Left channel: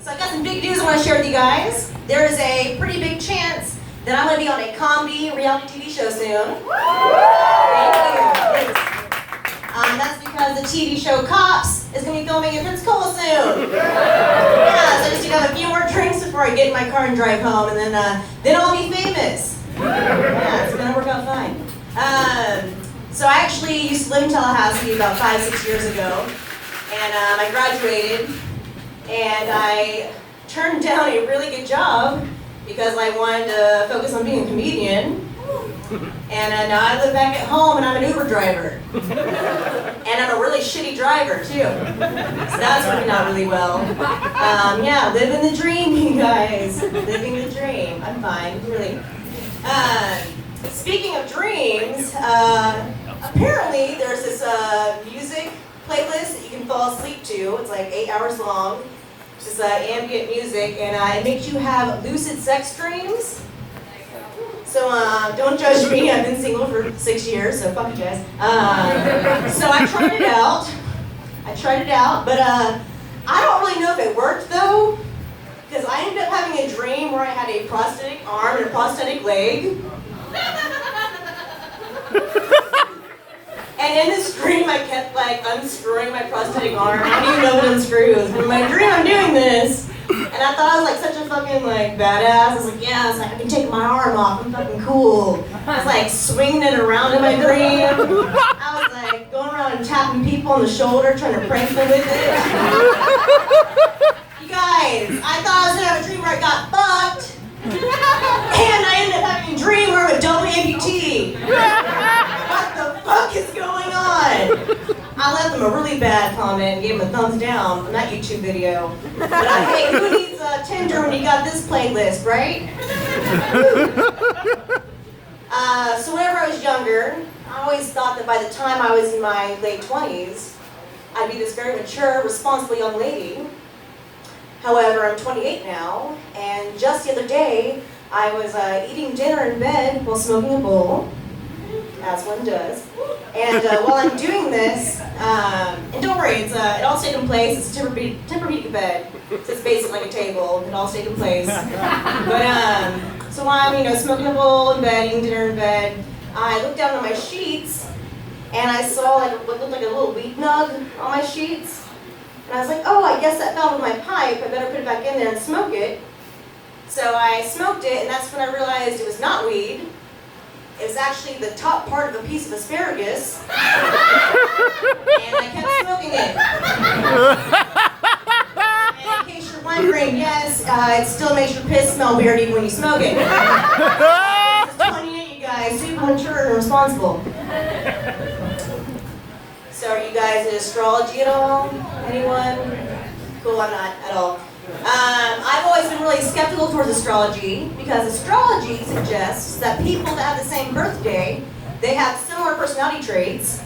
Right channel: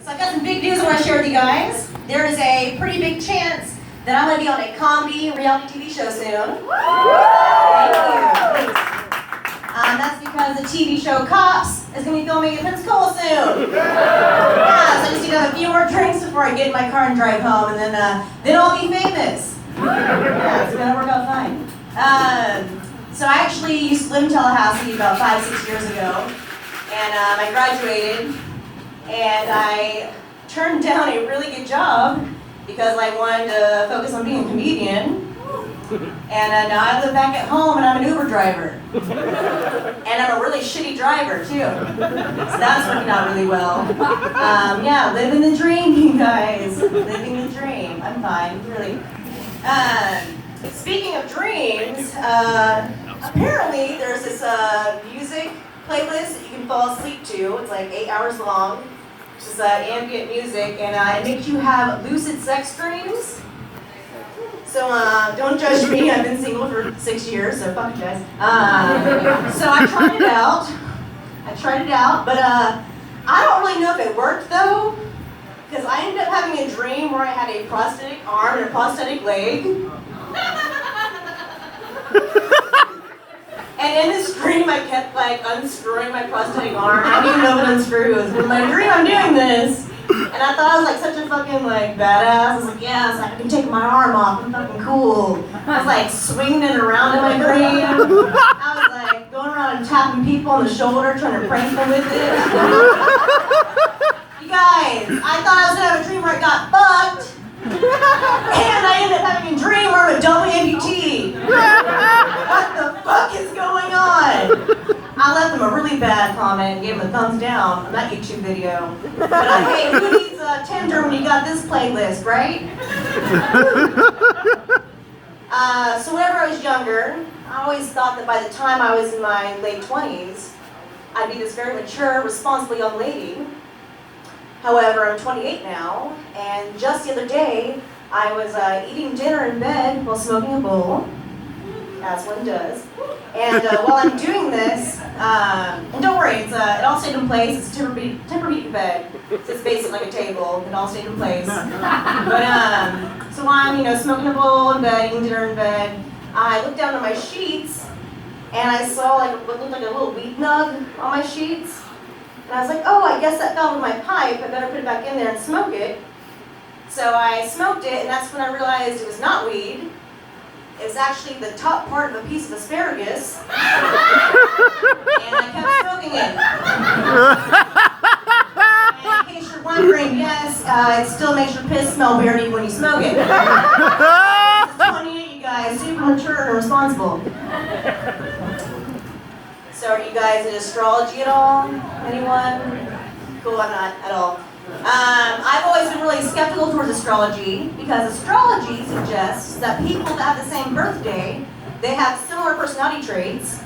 So I've got some big news I want to share with you guys. There is a pretty big chance that I'm going to be on a comedy reality TV show soon. Thank you. That's because the TV show Cops is going to be filming in Pensacola soon. Yeah, so I just need to have a few more drinks before I get in my car and drive home, and then I'll be famous. Yeah, it's going to work out fine. So I actually used to live in Tallahassee about 5-6 years ago, and I graduated. And I turned down a really good job because I wanted to focus on being a comedian. And now I live back at home and I'm an Uber driver. And I'm a really shitty driver too. So that's working out really well. Yeah, living the dream, you guys. Living the dream. I'm fine, really. Speaking of dreams, apparently there's this music playlist that you can fall asleep to. It's like 8 hours long. It's just ambient music, and it makes you have lucid sex dreams. So don't judge me. I've been single for 6 years, so fuck you guys. So I tried it out. But I don't really know if it worked though, because I ended up having a dream where I had a prosthetic arm and a prosthetic leg. And in this dream, I kept like unscrewing my prosthetic arm. I don't even know what unscrews. But in my dream, I'm doing this, and I thought I was like such a fucking like badass. I was like, yes, I can take my arm off. I'm fucking cool. I was like swinging it around in my dream. I was like going around and tapping people on the shoulder, trying to prank them with it. You guys, I thought I was gonna have a dream where I got fucked, and I ended up having a dream where I'm a double amputee. What the fuck is going on? I left them a really bad comment and gave them a thumbs down on that YouTube video. But hey, who needs Tinder when you got this playlist, right? So whenever I was younger, I always thought that by the time I was in my late 20s, I'd be this very mature, responsible young lady. However, I'm 28 now, and just the other day, I was eating dinner in bed while smoking a bowl. As one does. And while I'm doing this, and don't worry, it all stayed in place. It's a Tempur-Pedic bed, so it's basically like a table. It all stayed in place. But so while I'm smoking a bowl in bed, eating dinner in bed, I looked down at my sheets, and I saw like what looked like a little weed nug on my sheets. And I was like, oh, I guess that fell with my pipe. I better put it back in there and smoke it. So I smoked it, and that's when I realized it was not weed. It was actually the top part of a piece of asparagus, and I kept smoking it. And in case you're wondering, yes, it still makes your piss smell weird even when you smoke it. It's 28, you guys, super mature and responsible. So are you guys in astrology at all? Anyone? Cool, I'm not at all. I've always been really skeptical towards astrology because astrology suggests that people that have the same birthday, they have similar personality traits.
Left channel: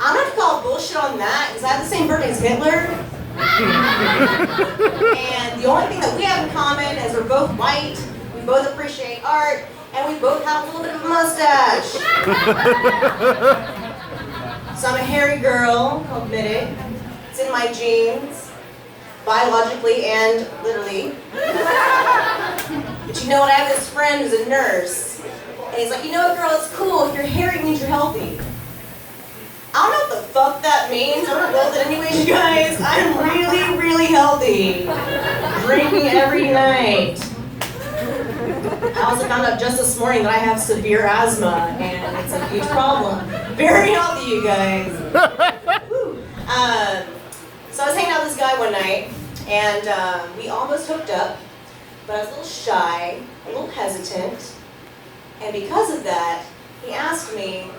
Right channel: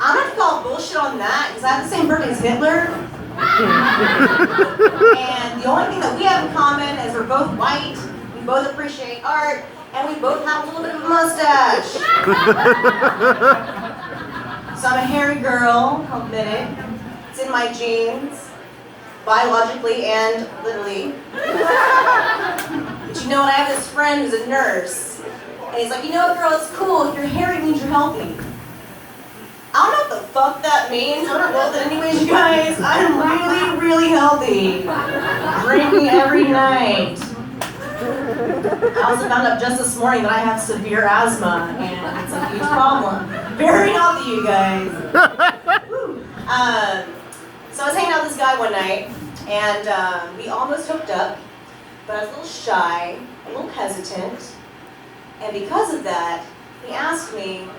I'm going to call bullshit on that because I have the same birthday as Hitler. And the only thing that we have in common is we're both white, we both appreciate art, and we both have a little bit of a mustache. So I'm a hairy girl, I'll admit it. It's in my genes. Biologically and literally. But you know what, I have this friend who's a nurse, and he's like, girl, it's cool, if you're hairy it means you're healthy. I don't know what the fuck that means, I don't know that anyways, you guys. I'm really, really healthy. Drinking every night. I also found out just this morning that I have severe asthma, and it's a huge problem. Very healthy, you guys. So I was hanging out with this guy one night, and we almost hooked up, but I was a little shy, a little hesitant, and because of that, he asked me,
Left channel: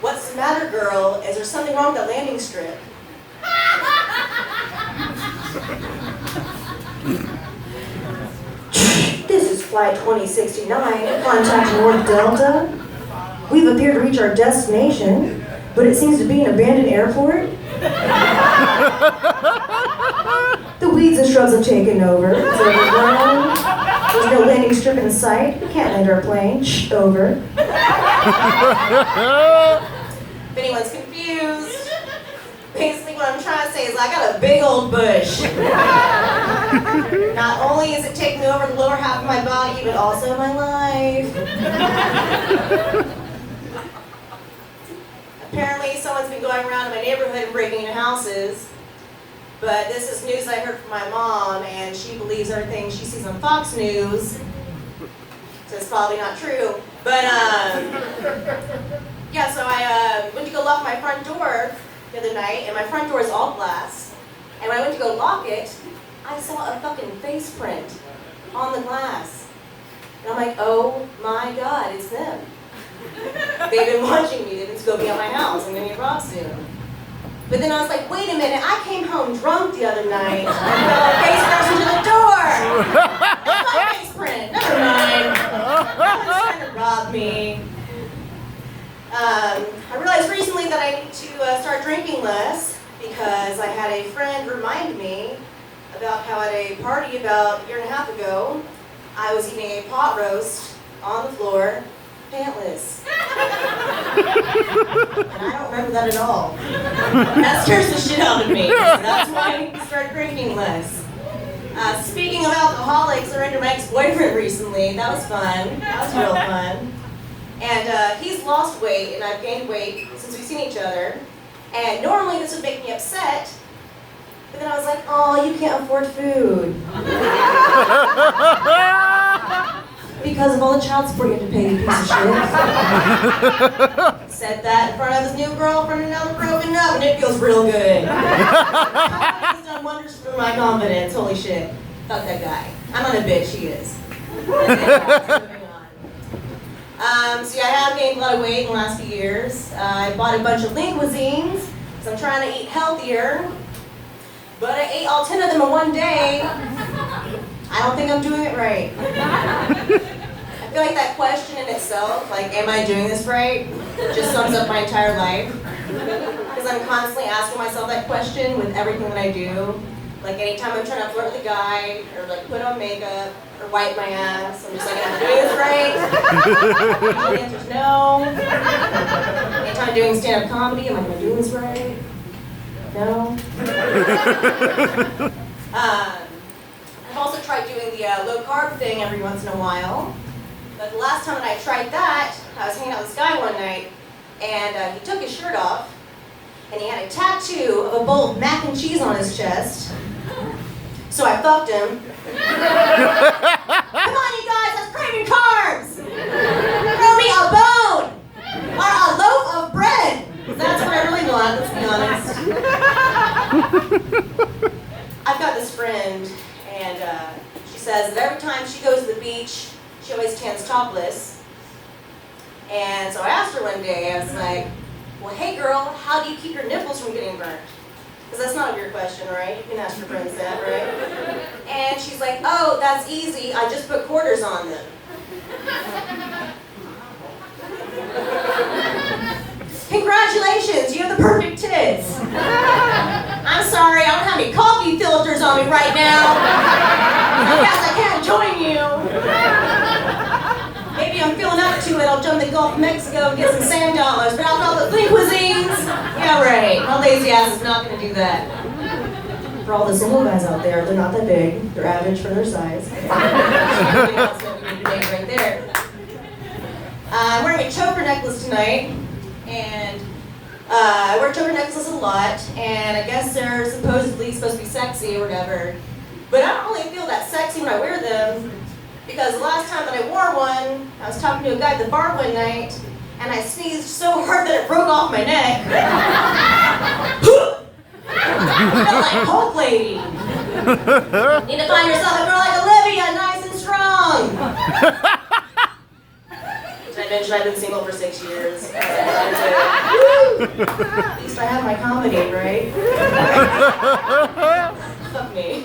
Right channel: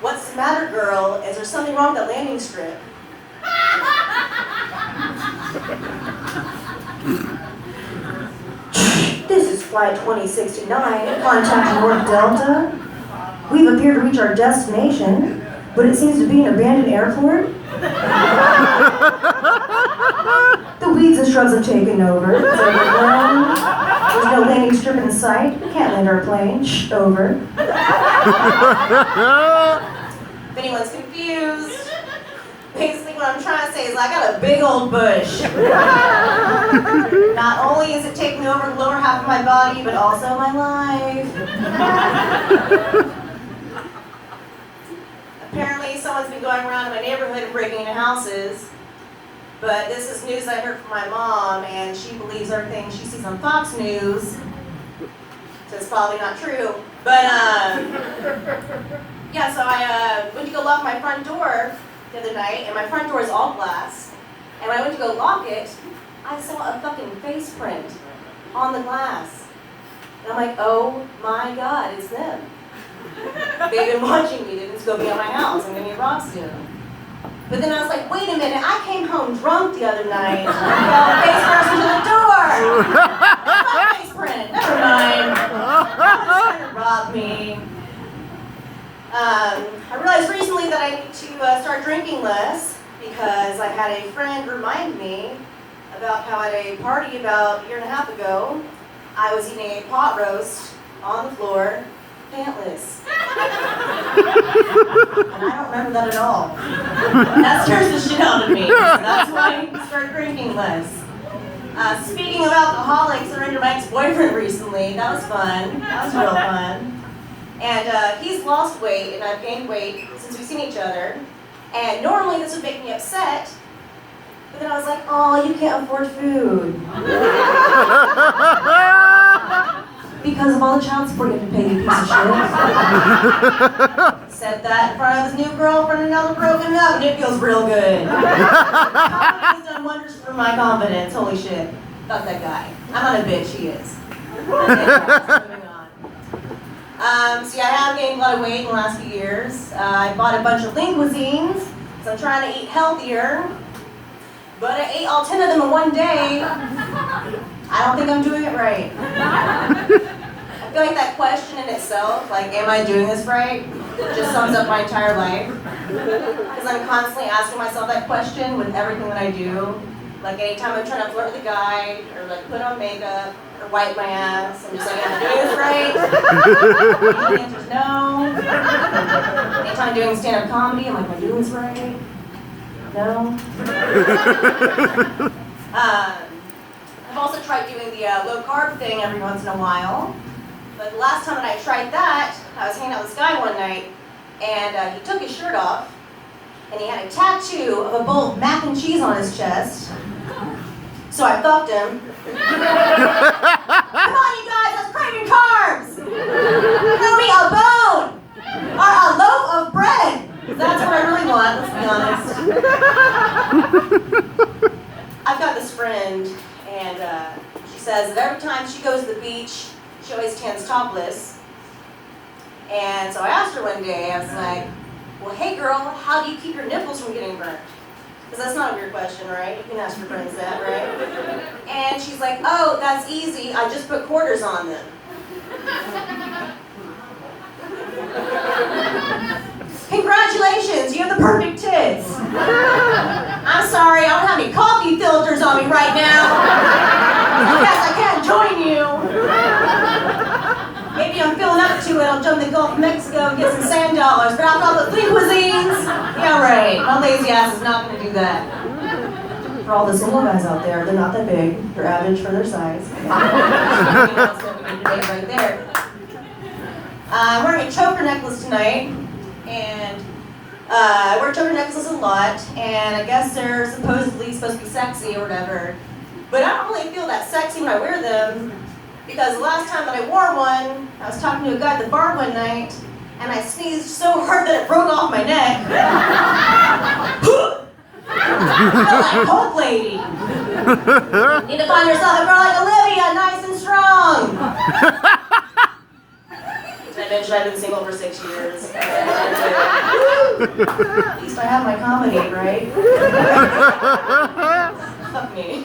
"What's the matter, girl? Is there something wrong with that landing strip?" This is Flight 2069, contact North Delta. We've appeared to reach our destination, but it seems to be an abandoned airport. The weeds and shrubs have taken over. It's overgrown. There's no landing strip in sight. We can't land our plane. Shh, over. If anyone's confused, basically what I'm trying to say is I got a big old bush. Not only is it taking over the lower half of my body, but also my life. Apparently, someone's been going around in my neighborhood and breaking into houses. But this is news I heard from my mom, and she believes everything she sees on Fox News. So it's probably not true. But, yeah, so I went to go lock my front door the other night, and my front door is all glass. And when I went to go lock it, I saw a fucking face print on the glass. And I'm like, oh my God, it's them. They've been watching me. They've been scoping out my house. I'm going to get robbed soon. But then I was like, wait a minute, I came home drunk the other night. And face person to the door. That's my face print. Never mind. Someone's trying to rob me. I realized recently that I need to start drinking less because I had a friend remind me about how at a party about a year and a half ago, I was eating a pot roast on the floor, pantless. And I don't remember that at all. That scares the shit out of me. So that's why I need to start drinking less. Speaking of alcoholics, I ran into my ex-boyfriend recently. That was fun. That was real fun. And he's lost weight, and I've gained weight since we've seen each other. And normally this would make me upset, but then I was like, oh, you can't afford food. Because of all the child support you have to pay, you piece of shit. Said that in front of his new girlfriend, and now we're broken up, and it feels real good. He's done wonders for my confidence. Holy shit. Fuck that guy. I'm not a bitch, he is. So yeah, I have gained a lot of weight in the last few years. I bought a bunch of lean cuisines, so I'm trying to eat healthier. But I ate all 10 of them in one day. I don't think I'm doing it right. I feel like that question in itself, like, am I doing this right, just sums up my entire life. Because I'm constantly asking myself that question with everything that I do. Like anytime I'm trying to flirt with a guy, or like put on makeup, or wipe my ass, I'm just like, am I doing this right? The answer's no. Anytime I'm doing stand-up comedy, I'm like, am I doing this right? No. I've also tried doing the low-carb thing every once in a while. But the last time that I tried that, I was hanging out with this guy one night, and he took his shirt off, and he had a tattoo of a bowl of mac and cheese on his chest. So I fucked him. Come on, you guys, let's craving carbs! Throw me a bone! Or a loaf of bread! That's what I really want, let's be honest. I've got this friend, and she says that every time she goes to the beach, she always tans topless. And so I asked her one day, I was like, well, hey girl, how do you keep your nipples from getting burnt? Because that's not a weird question, right? You can ask your friends that, right? And she's like, oh, that's easy, I just put quarters on them. Congratulations, you have the perfect tits. I'm sorry, I don't have any coffee filters on me right now. I guess I can't join you. Maybe I'm feeling up to it, I'll jump the Gulf of Mexico and get some sand dollars, but after all the lean cuisines, yeah right, my lazy ass is not going to do that. For all the single guys out there, they're not that big, they're average for their size. That's what we need to make right there. I'm wearing a choker necklace tonight, and I wear choker necklaces a lot, and I guess they're supposedly supposed to be sexy or whatever, but I don't really feel that sexy when I wear them, because the last time that I wore one, I was talking to a guy at the bar one night, and I sneezed so hard that it broke off my neck. I feel like Hulk lady. You need to find yourself a girl like Olivia, nice and strong. I've been single for 6 years. At least I have my comedy, right? Fuck me.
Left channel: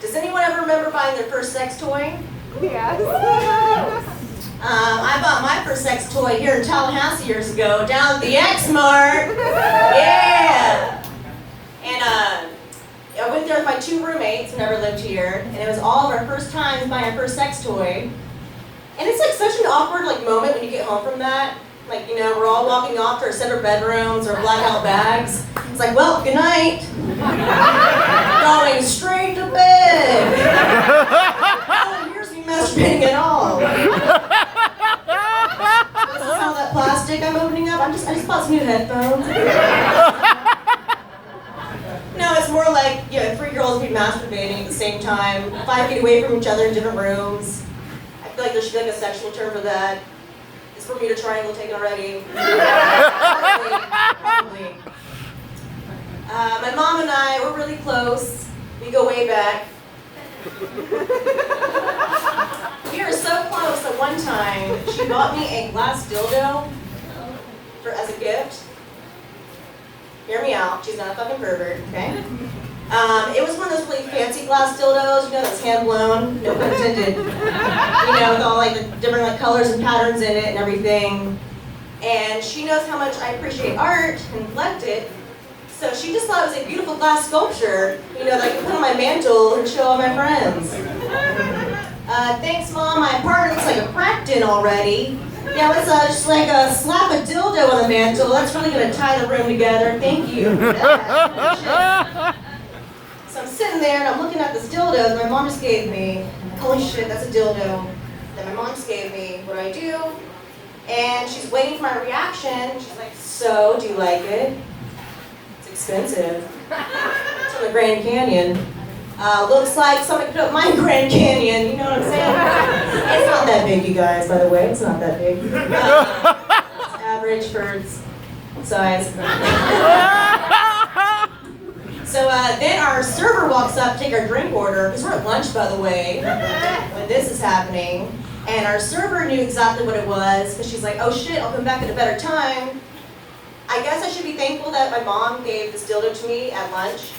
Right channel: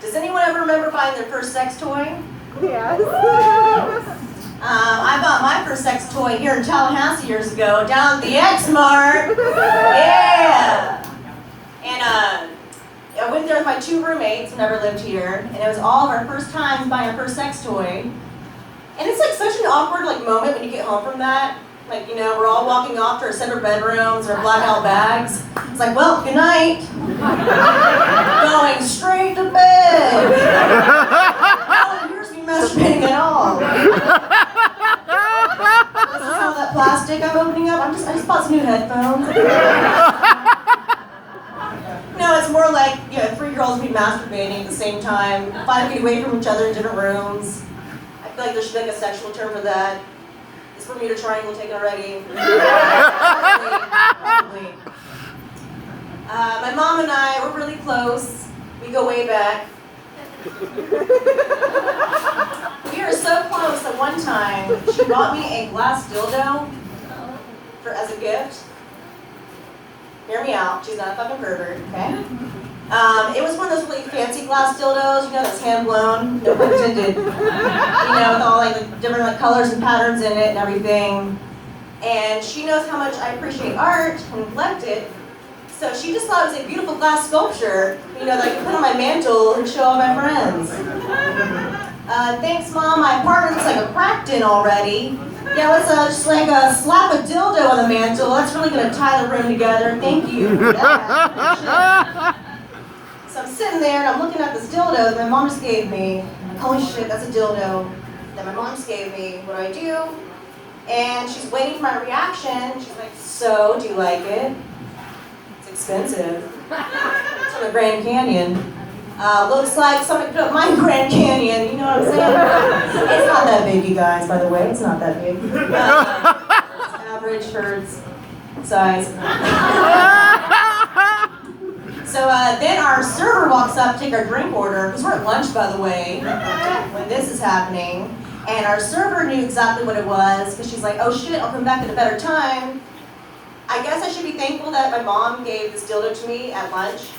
Does anyone ever remember buying their first sex toy? Yes. I bought my first sex toy here in Tallahassee years ago, down at the X-Mart. Yeah! And I went there with my 2 roommates who never lived here, and it was all of our first times buying our first sex toy. And it's like such an awkward moment when you get home from that. Like, you know, we're all walking off to our separate bedrooms or blackout bags. was like, well, good night. Going straight to bed. Oh, here's me masturbating at all. This is all that plastic I'm opening up. I just bought some new headphones. No, it's more like, you know, 3 girls be masturbating at the same time, 5 feet away from each other in different rooms. I feel like there should be like a sexual term for that. It's Bermuda Triangle, take it already. Probably. My mom and I, we're really close. We go way back. We are so close that one time she bought me a glass dildo as a gift. Hear me out, she's not a fucking pervert, okay? It was one of those really fancy glass dildos, you know, that's hand blown, no pun intended. You know, with all like the different like colors and patterns in it and everything. And she knows how much I appreciate art and collect it. So she just thought it was a beautiful glass sculpture, you know, that I could put on my mantle and show all my friends. Thanks, Mom, my apartment looks like a crack den already. Yeah, let's just like slap a dildo on the mantle. That's really gonna tie the room together. Thank you for that. So I'm sitting there and I'm looking at this dildo that my mom just gave me. Holy shit, that's a dildo that my mom just gave me. What do? And she's waiting for my reaction. She's like, so, do you like it? It's expensive. It's from the Grand Canyon. Looks like somebody put up my Grand Canyon, you know what I'm saying? It's not that big, you guys, by the way. It's not that big. It's average for its size. So then our server walks up to take our drink order, because we're at lunch, by the way, when this is happening. And our server knew exactly what it was, because she's like, oh shit, I'll come back at a better time. I guess I should be thankful that my mom gave this dildo to me at lunch,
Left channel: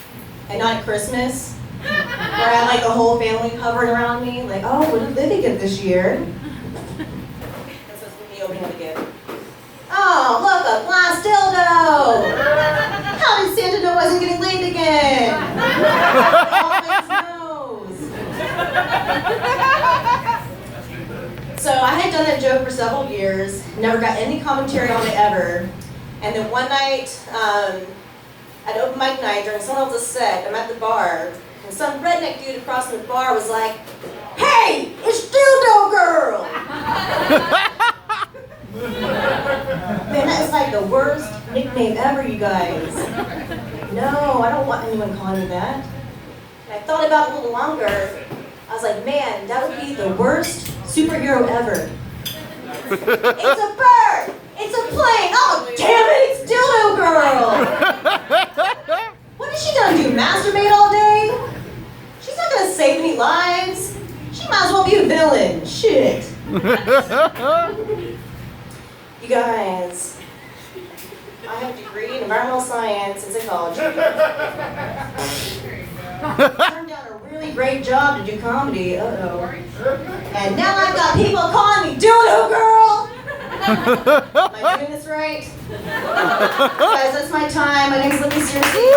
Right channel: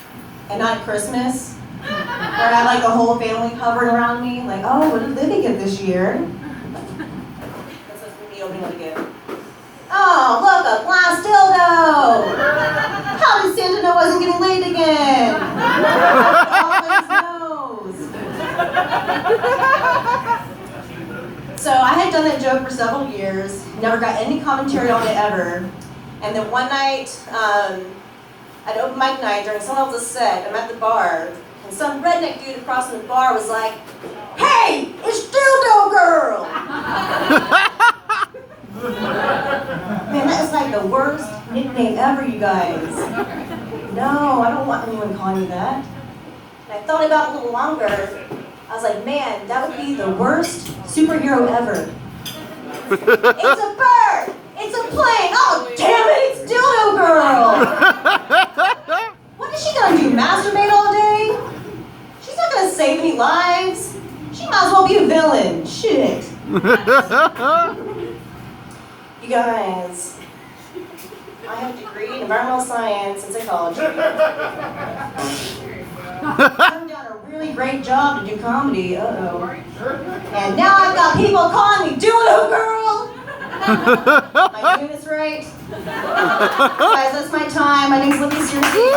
and not at Christmas. Where I had like the whole family hovering around me, like, oh, what did Livy get this year? That's what's me opening up a gift. Oh, look, a glass dildo! How did Santa know I wasn't getting laid again? Always knows. So I had done that joke for several years, never got any commentary on it ever. And then one night, at open mic night during someone else's set, I'm at the bar, and some redneck dude across from the bar was like, hey, it's Dildo Girl! Man, that is like the worst nickname ever, you guys. No, I don't want anyone calling me that. And I thought about it a little longer. I was like, man, that would be the worst superhero ever. It's a bird! It's a plane! Oh, damn it, it's Dildo Girl! What is she gonna do, masturbate all day? She's not gonna save any lives. She might as well be a villain. Shit. You guys, I have a degree in environmental science and psychology. I turned down a really great job to do comedy. Uh-oh. And now I've got people calling me Dildo Girl! Am I doing this right? Guys, that's my time. My name's Olivia Searcy.